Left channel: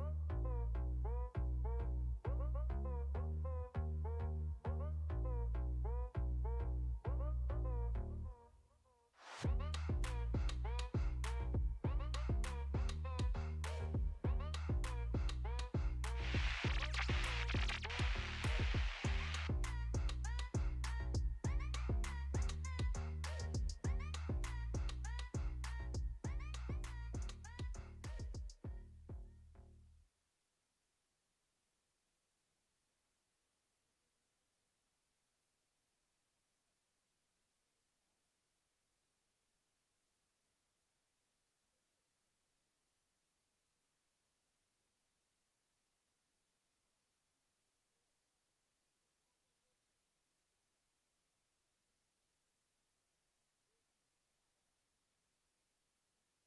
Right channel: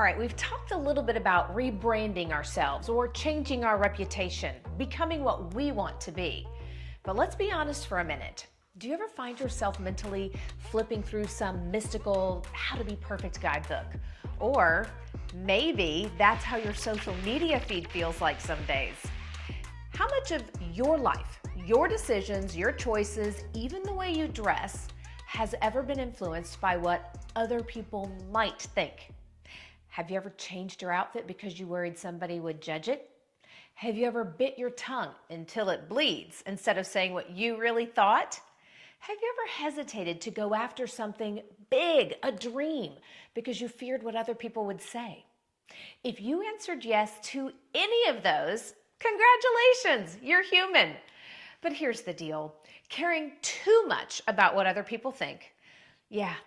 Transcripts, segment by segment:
All right, we've talked a little bit about rebranding ourselves or changing our reputation, becoming what we want to be. But let's be honest for a minute. Do you ever find yourself mentally flipping through some mystical how to be perfect guidebook? Or maybe that's how your social media feed feels like some days. How much of your life, your decisions, your choices, even the way you dress, has ever been influenced by what other people might think? Have you ever changed your outfit because you worried somebody would judge it? Have you ever bit your tongue until it bleeds instead of saying what you really thought? Have you ever hesitated to go after something big, a dream, because you feared what other people would say? If you answered yes to any of those, congratulations, you're human. But here's the deal. Caring too much about what other people think,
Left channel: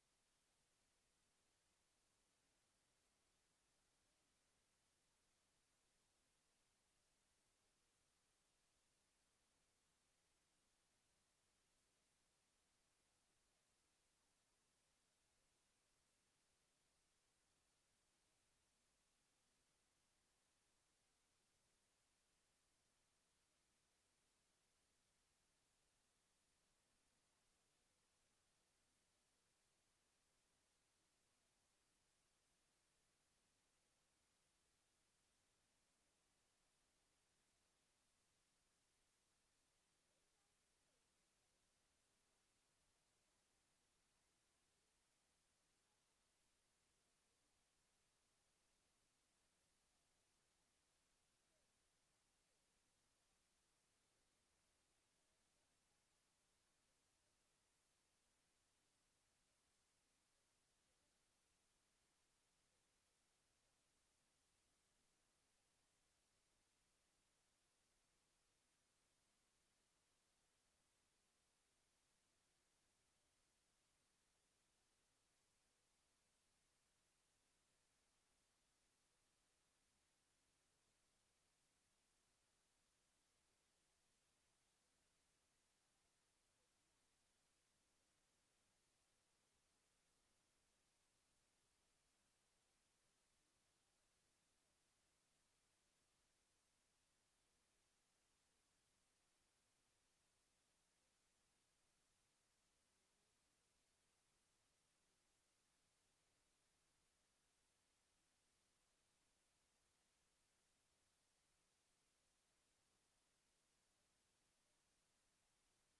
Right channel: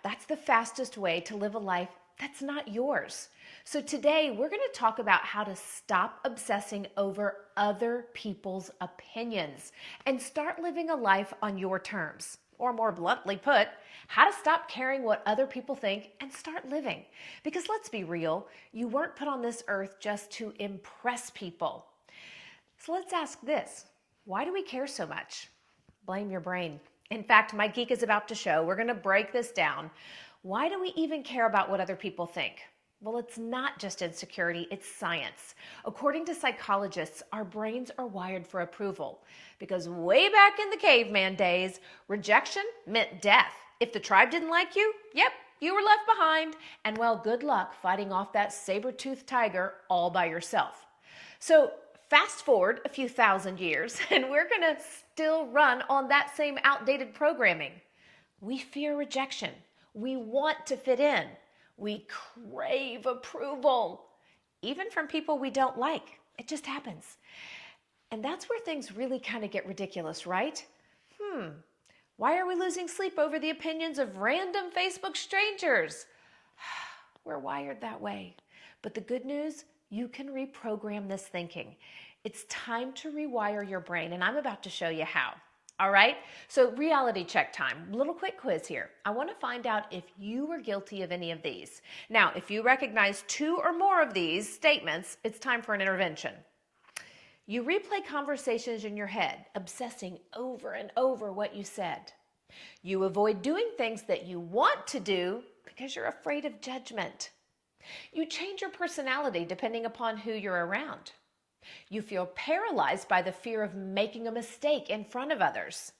that's the fastest way to live a life that's not yours. So today we're going to talk about how to stop obsessing over other people's opinions and start living a life on your terms. Or more bluntly put, how to stop caring what other people think and start living. Because let's be real, you weren't put on this earth just to impress people. So let's ask this, why do we care so much? Blame your brain. In fact, my geek is about to show, we're going to break this down. Why do we even care about what other people think? Well, it's not just insecurity, it's science. According to psychologists, our brains are wired for approval because way back in the caveman days, rejection meant death. If the tribe didn't like you, you were left behind. And well, good luck fighting off that saber-toothed tiger all by yourself. So fast forward a few thousand years and we're gonna still run on that same outdated programming. We fear rejection. We want to fit in. We crave approval, even from people we don't like. It just happens. And that's where things really kind of get ridiculous, right? Why are we losing sleep over the opinions of random Facebook strangers? We're wired that way. But the good news, you can reprogram this thinking. It's time to rewire your brain, and I'm about to show you how. All right, so reality check time. Little quick quiz here. I want to find out if you were guilty of any of these. Now, if you recognize two or more of these statements, it's time for an intervention. You replay conversations in your head, obsessing over and over what you said. You avoid doing things that you want to do because you're afraid of judgment. You change your personality depending upon who you're around. You feel paralyzed by the fear of making a mistake in front of others.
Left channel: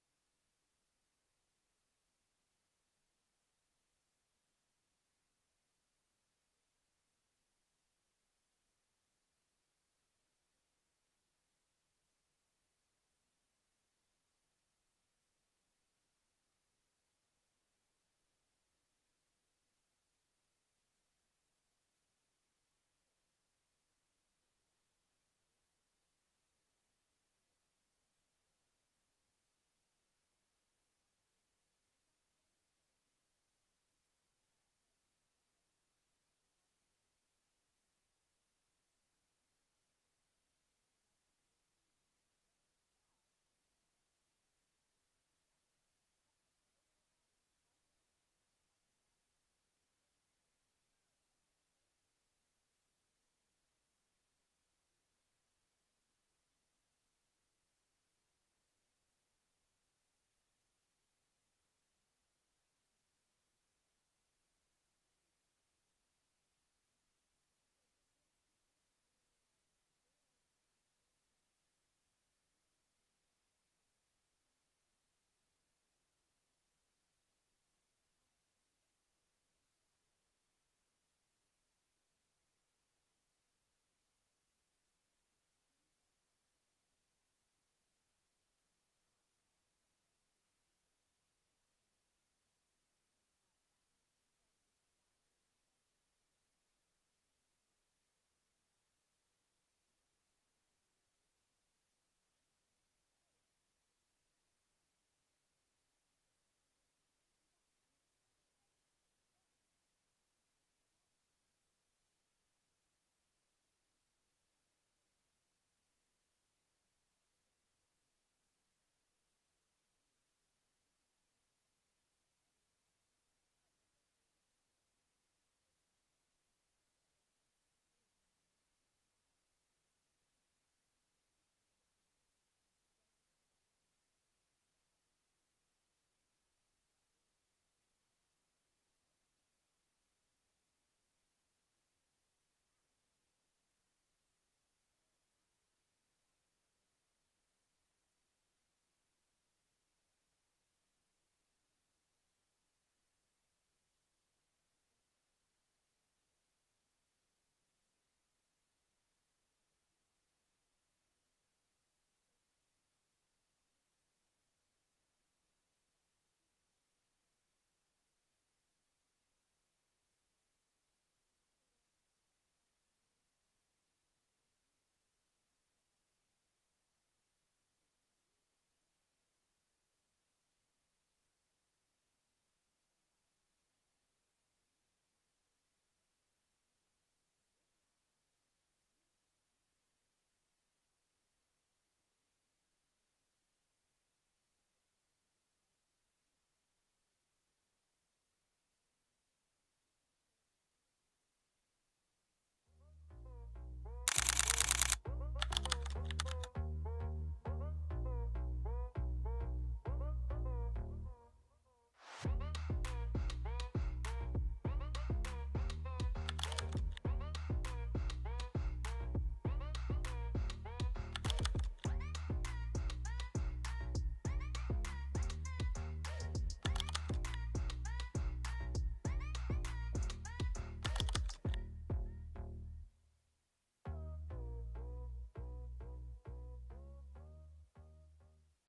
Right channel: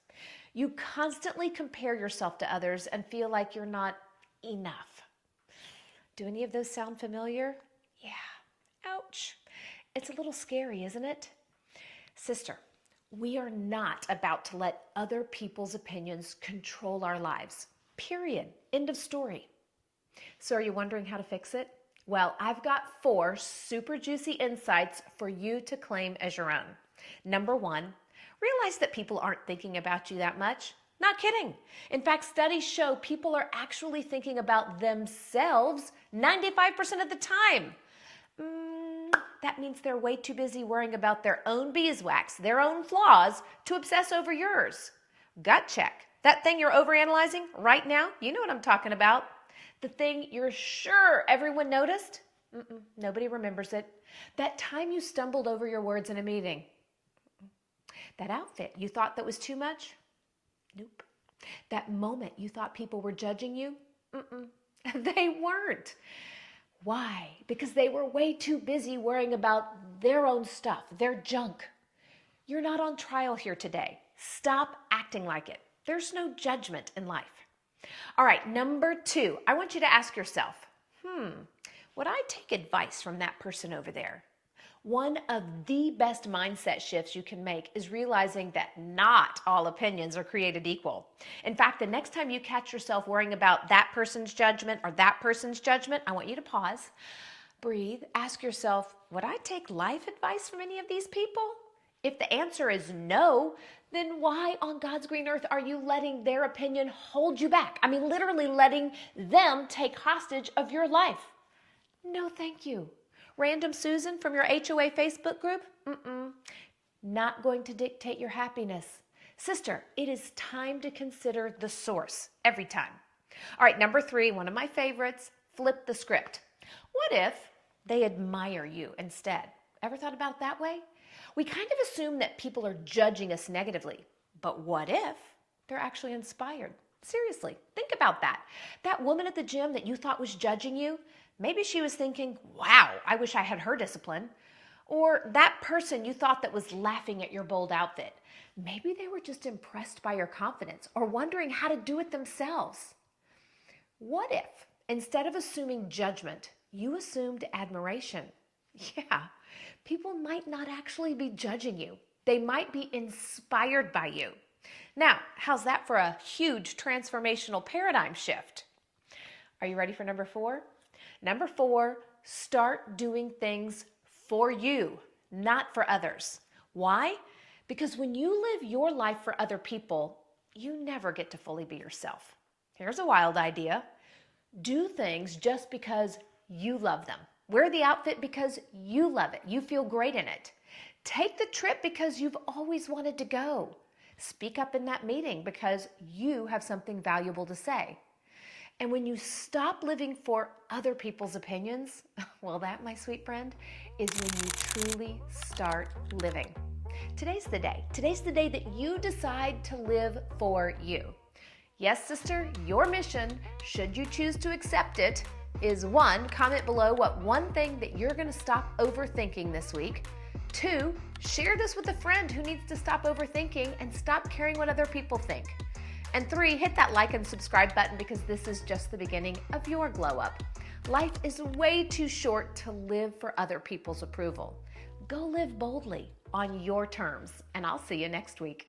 You constantly compare yourself to others and feel like you're not enough. Do any of those sound familiar? Yeah. Ouch. It's a little scary, isn't it? Sister, we are not about to let other people's opinions control our lives. Period. End of story. So are you wondering how to fix it? Well, I've got 4 super juicy insights for you to claim as your own. Number 1, realize that people aren't thinking about you that much. Not kidding. In fact, studies show people are actually thinking about themselves 95% of the time. That means they're way too busy worrying about their own beeswax, their own flaws, to obsess over yours. Gut check. That thing you're overanalyzing right now, you know what I'm talking about. The thing you're sure everyone noticed? Nobody remembers it. That time you stumbled over your words in a meeting. That outfit you thought that was too much? Nope. That moment you thought people were judging you? They weren't. Why? Because they were way too busy worrying about their own stuff, their junk. You're not on trial here today. Stop acting like it. There's no judgment in life. All right, number 2, I want you to ask yourself, would I take advice from that person over there? One of the best mindset shifts you can make is realizing that not all opinions are created equal. In fact, the next time you catch yourself worrying about that person's judgment or that person's judgment, I want you to pause, breathe, ask yourself, would I take life advice from any of these people? If the answer is no, then why on God's green earth are you letting their opinion hold you back? I mean, literally letting them take hostage of your life. No, thank you. Random Susan from your HOA Facebook group? Not going to dictate your happiness. Sister, it is time to consider the source every time. All right, number 3, one of my favorites, flip the script. What if they admire you instead? Ever thought about it that way? We kind of assume that people are judging us negatively, but what if they're actually inspired? Seriously, think about that. That woman at the gym that you thought was judging you, maybe she was thinking, wow, I wish I had her discipline. Or that person you thought that was laughing at your bold outfit, maybe they were just impressed by your confidence or wondering how to do it themselves. What if, instead of assuming judgment, you assumed admiration? Yeah, people might not actually be judging you. They might be inspired by you. Now, how's that for a huge transformational paradigm shift? Are you ready for number 4? Number 4, start doing things for you, not for others. Why? Because when you live your life for other people, you never get to fully be yourself. Here's a wild idea. Do things just because you love them. Wear the outfit because you love it. You feel great in it. Take the trip because you've always wanted to go. Speak up in that meeting because you have something valuable to say. And when you stop living for other people's opinions, well, that, my sweet friend, is when you truly start living. Today's the day. Today's the day that you decide to live for you. Yes, sister, your mission, should you choose to accept it, is 1, comment below what one thing that you're going to stop overthinking this week. 2, share this with a friend who needs to stop overthinking and stop caring what other people think. And 3, hit that like and subscribe button because this is just the beginning of your glow up. Life is way too short to live for other people's approval. Go live boldly on your terms, and I'll see you next week.